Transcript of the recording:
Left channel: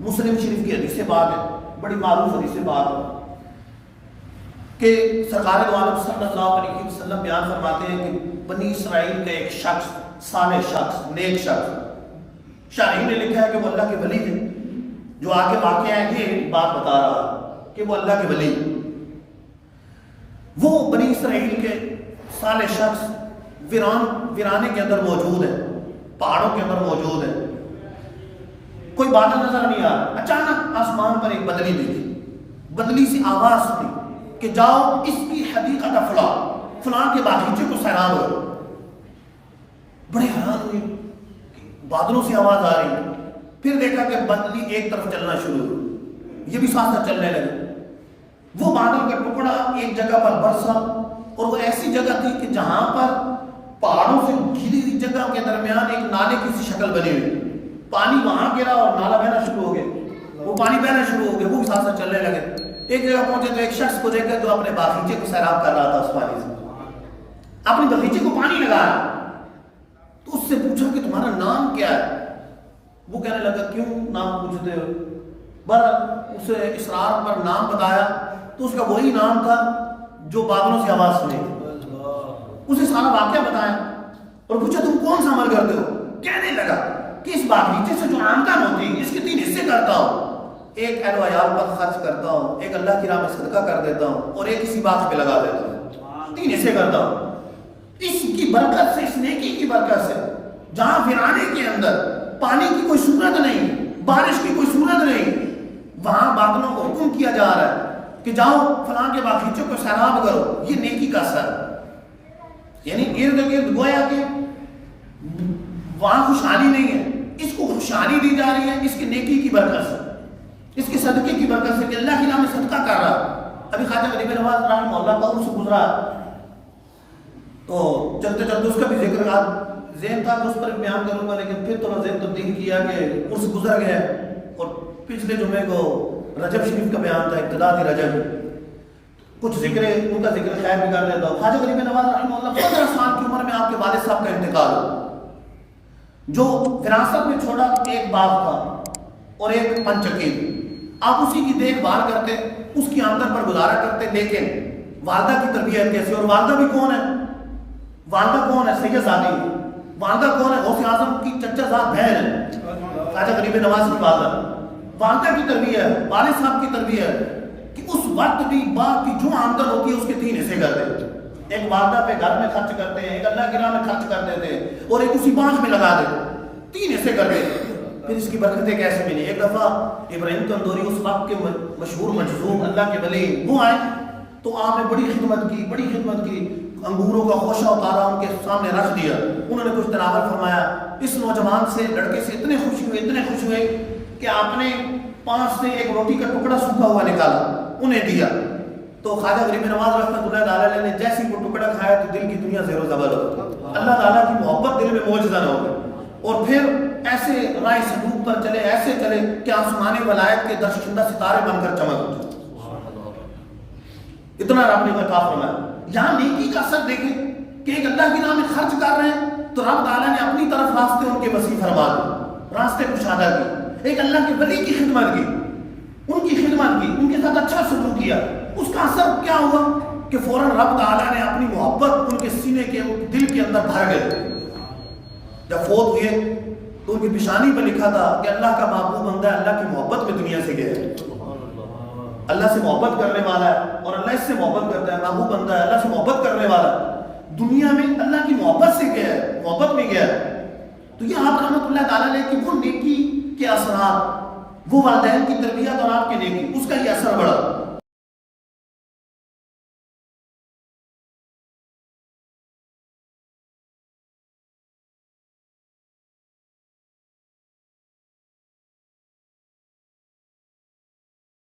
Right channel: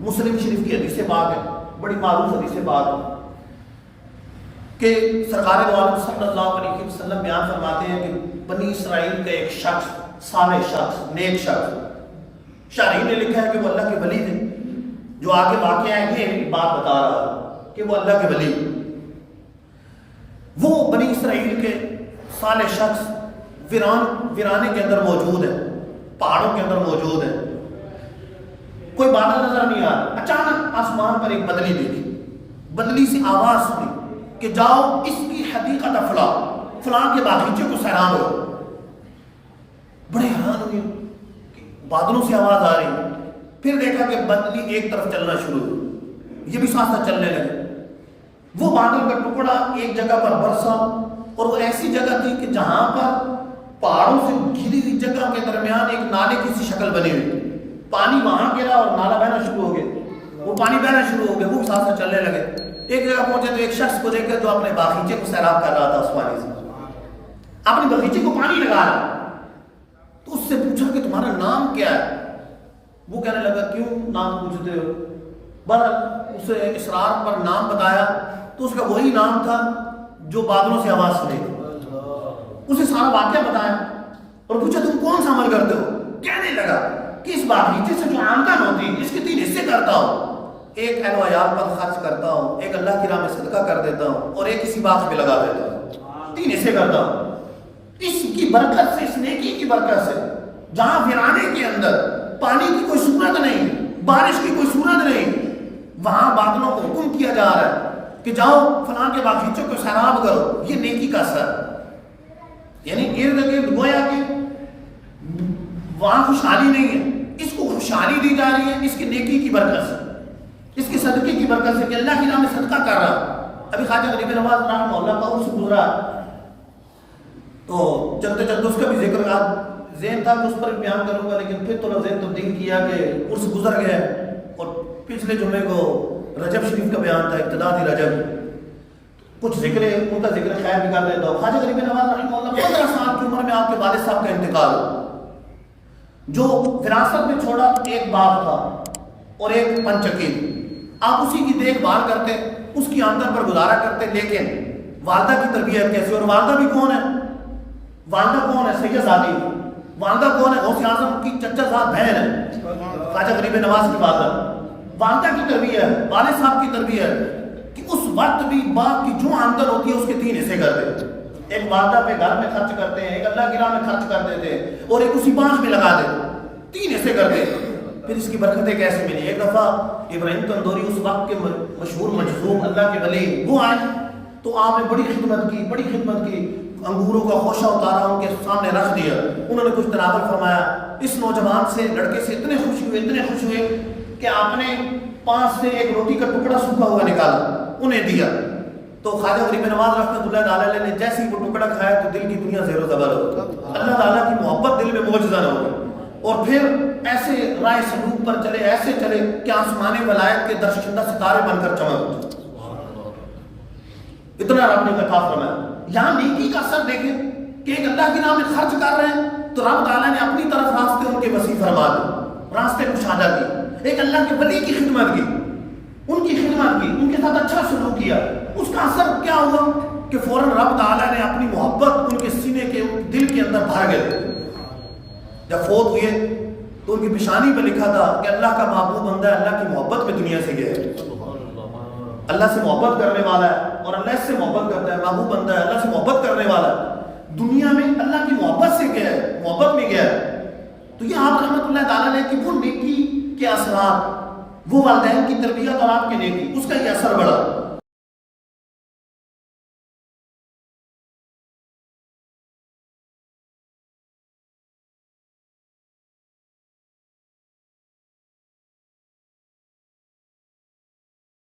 مسلم شریف کی حدیث پاک ہے، بڑی معروف حدیث پاک ہے کہ سرکار دو عالم صلی اللہ علیہ وسلم بیان فرماتے ہیں کہ بنی اسرائیل کا ایک شخص، صالح شخص، نیک شخص، شارحین نے لکھا ہے کہ وہ اللہ کے ولی تھے. جو آگے واقعہ ہے یہ بات بتا رہا کہ وہ اللہ کے ولی، وہ بنی اسرائیل کے صالح شخص ویرانے کے اندر موجود ہے، پہاڑوں کے اندر موجود ہے. کوئی بادل نظر نہیں آ رہا، اچانک آسمان پر ایک بدلی دیکھی، بدلی سے آواز سنی کہ جاؤ اس کی حدیقت فلاں کے باغیچے کو سیران ہو. بڑے حیران ہوئے کہ بادلوں سے آواز آ رہی ہے. پھر دیکھا کہ بدلی ایک طرف چلنا شروع ہوئی، یہ بھی ساتھ ساتھ چلنے لگے. وہ بادل کا ٹکڑا ایک جگہ پر برسا، اور وہ ایسی جگہ تھی کہ جہاں پر پہاڑوں سے گھری ہوئی جگہ کے درمیان ایک نالے کی سی شکل بنی ہوئی. پانی وہاں گرا اور نالا بہنا شروع ہو گیا، وہ پانی بہنا شروع ہو گیا، وہ بھی ساتھ ساتھ چلنے لگے. ایک جگہ پہنچے تو ایک شخص کو دیکھ کر جو اپنے باغیچے کو سیراب کر رہا تھا اس پانی سے، اپنے باغیچے کو پانی لگایا. تو اس سے پوچھا کہ تمہارا نام کیا ہے؟ وہ کہنے لگا کیوں نام پوچھتے ہو؟ بہرحال اسے اسرار پر نام بتایا تو اس کا وہی نام تھا جو بادلوں سے آواز سنی تھی. اسے سارا واقعہ بتایا اور پوچھا تم کون سا عمل کرتے ہو؟ کہنے لگا کہ اس باغیچے سے جو آمدن ہوتی ہے اس کے 3 حصے کرتا ہوں. ایک اہل و عیال پر خرچ کرتا ہوں، ایک اللہ کی راہ میں صدقہ کر دیتا ہوں، اور ایک کسی باغ پہ لگا دیتا ہوں. 3 حصے کرتا ہوں. اس کی برکت سے، اس نیکی کی برکت سے، جہاں ویرانے کے اندر پانی کی کوئی صورت نہیں، بارش کی کوئی صورت نہیں، وہاں بادلوں کو حکم کیا جا رہا ہے کہ جاؤ فلاں کے باغیچوں کو سیراب کرو. یہ نیکی کا اثر، یعنی ارد گرد گویا کہ وہاں خوشحالی نہیں ہے، اس کو خوشحالی دی جا رہی ہے اس کی نیکی کی برکت سے، اس کے صدقے کی برکت سے کہ اللہ کی راہ میں صدقہ کر رہا. ابھی خواجہ غریب نواز رحمہ اللہ کا عرس گزرا، تو چلتے چلتے اس کا بھی ذکر ذہن تھا کہ اس پر بیان کروں گا، لیکن پھر تھوڑا ذہن تبدیل کیا کہ عرس گزر گیا. اور پچھلے جمعے کو رجب شریف کا بیان تھا، ابتدا تھی رجب، کچھ ذکر ان کا ذکر خیر بھی کر لیتا ہوں. خواجہ غریب نواز رحمہ اللہ 15 سال کی عمر میں آپ کے والد صاحب کا انتقال ہو. جو وراثت میں چھوڑا ایک باغ تھا اور ایک پنچکیل، آپ اسی کی دیکھ بھال کرتے، اس کی آمدن پر گزارا کرتے. لیکن والدہ کی تربیت کیسے؟ اور والدہ بھی کون ہے؟ والدہ کون ہے؟ سید زادی. والدہ کون ہے؟ غوث اعظم کی چچا زاد بہن ہے، خواجہ غریب نواز کی والدہ. والدہ کی تربیت، والد صاحب کی تربیت کہ اس وقت بھی باغ کی جو آمدن ہوتی ہے اس کے 3 حصے کرتے. ایک والدہ پہ گھر میں خرچ کرتے ہیں، ایک اللہ کی راہ میں خرچ کرتے تھے، اور ایک اسی باغ میں لگا دیتے. 3 حصے کرتے. پھر اس کی برکتیں کیسے ملی؟ ایک دفعہ ابراہیم تندوری اس وقت کے مشہور مجذوب اللہ کے ولی وہ آئے تو آپ نے بڑی خدمت کی. انگوروں کا خوشہ اتارا، ان کے سامنے رکھ دیا. انہوں نے کچھ تناول فرمایا. اس نوجوان سے، لڑکے سے اتنے خوش ہوئے کہ آپ نے پانچ سے ایک روٹی کا ٹکڑا سوکھا ہوا نکالا، انہیں دیا. تو خواجہ غریب نواز رحمۃ اللہ تعالی نے جیسے ہی وہ ٹکڑا کھایا تو دل کی دنیا زیر و زبر ہو گئی. اللہ تعالیٰ کی محبت دل میں معجزہ ہو گئی. اور پھر ایسے رائے سلوک پر چلے، ایسے چلے کہ آسمانی ولایت کے درشندہ ستارے بن کر چمک اٹھے. اتنا رب نے عطا فرمایا. یہاں نیکی کا اثر دیکھیں کہ ایک اللہ کی راہ میں خرچ کر رہے ہیں تو رب تعالیٰ نے اپنی طرف راستے ان کے وسیع فرما دیے، راستے کشادہ کی. ایک اللہ کے ولی کی خدمت کی، ان کی خدمت کی، ان کے ساتھ اچھا سلوک کیا. اس کا اثر کیا ہوا کہ فوراً رب تعالیٰ نے اپنی محبت ان کے سینے کے دل کے اندر بھر گئے. جب فوت ہوئے تو ان کی پیشانی پہ لکھا تھا کہ اللہ کا محبوب بندہ ہے، اللہ کی محبت میں دنیا سے گیا ہے. اللہ سے محبت کرنے والا ہے اور اللہ اس سے محبت کرتا ہے. محبوب بندہ ہے، اللہ سے محبت کرنے والا ہے، دنیا میں اللہ کی محبت سے گیا ہے، محبت میں گیا ہے. تو یہ آپ رحمت اللہ تعالیٰ نے کہ وہ نیکی کے اثرات، وہ والدین کی تربیت اور آپ کے نیکی، اس کا یہ اثر بڑا.